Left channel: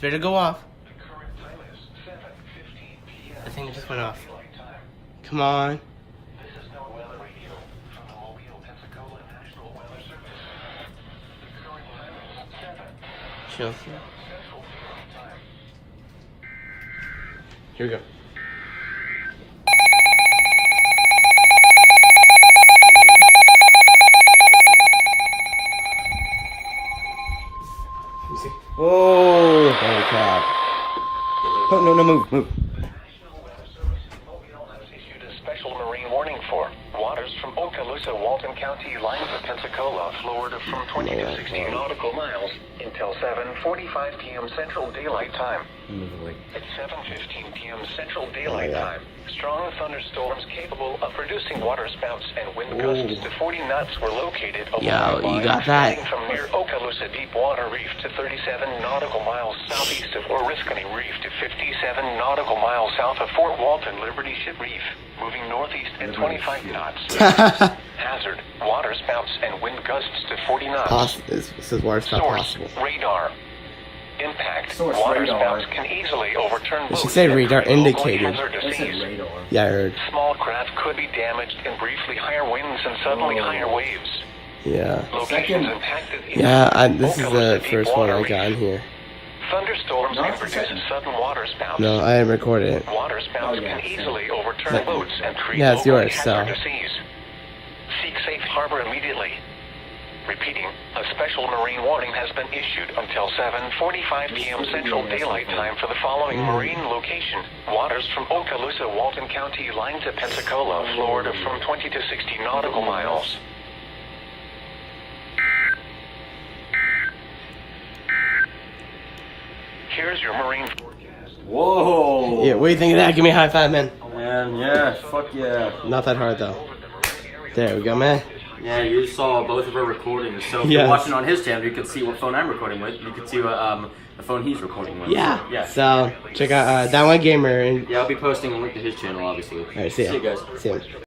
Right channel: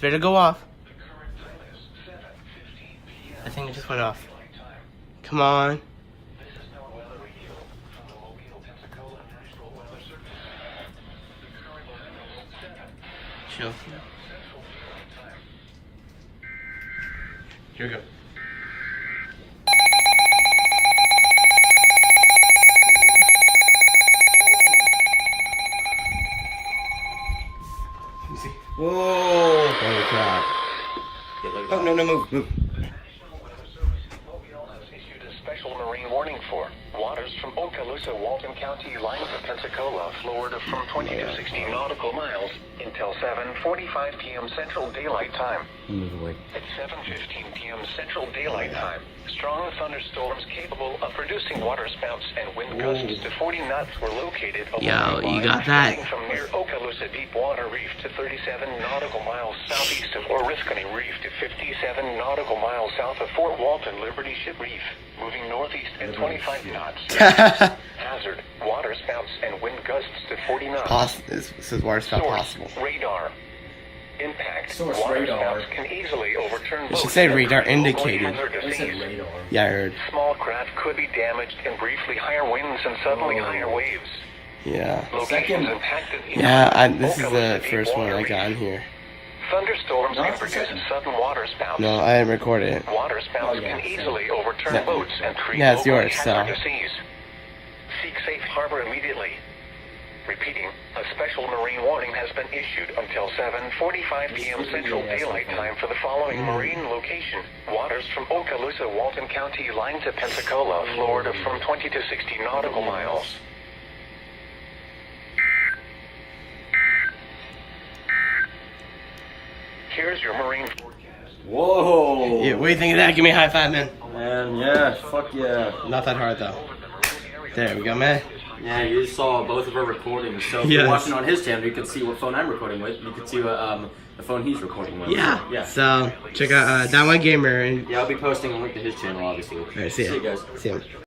It's ready to go off. I think it just went off. Come on. Here we go. You see? Whoa! Holy crap. No, no, no, move. Issued a special marine warning for waters from Okaloosa, Walton County, lines of Pensacola, Florida from 20 to 60 nautical miles until 7:45 p.m. Central Daylight Time. It's 7:15 p.m. Central Daylight Time. Strong thunderstorms capable of producing waterspouts and wind gusts to 40 knots were located along the line you got that. from near Okaloosa Deep Water Reef to 37 nautical miles southeast of Oriskany Reef to 57 nautical miles south of Fort Walton Liberty Ship Reef, moving northeast at 25 knots. Hazard, waterspouts and wind gusts to 40 knots. This is worse. Source, radar. Impact, waterspouts can easily overturn boats. It should say radar indicated. Radar. Yeah, I heard. Small craft could be damaged in briefly higher winds and suddenly higher waves. Yeah. Locations impacted in This is the Okaloosa first one I Deep got Water on here. Thunderstorms can produce sudden waterspouts. No, I didn't record it. Waterspouts can easily overturn boats and create Yeah, it's yours, hazardous seas. Seek safe harbor immediately. Repeating, a special marine warning has been issued until 7:45 p.m. Central Daylight Time for the following marine location. Waters from Okaloosa, Walton County, line to Pensacola, Florida from 20 to 60 nautical miles. Here's your marine forecast. Whoa! Yeah, what do you think of that? Give me a high five, man. Man, yeah, fuck yeah. Not that hard, though. There we go, man. Yeah, you just saw both of our recordings. So if Yes. you're watching on his channel, you can see what phone I'm recording with. You can see what the phone he's recording with. Yeah. Yeah. So, check out Down One Gamer. And Yeah, I'll be posting a link to his channel, obviously. Alright, see ya. See you guys. See ya.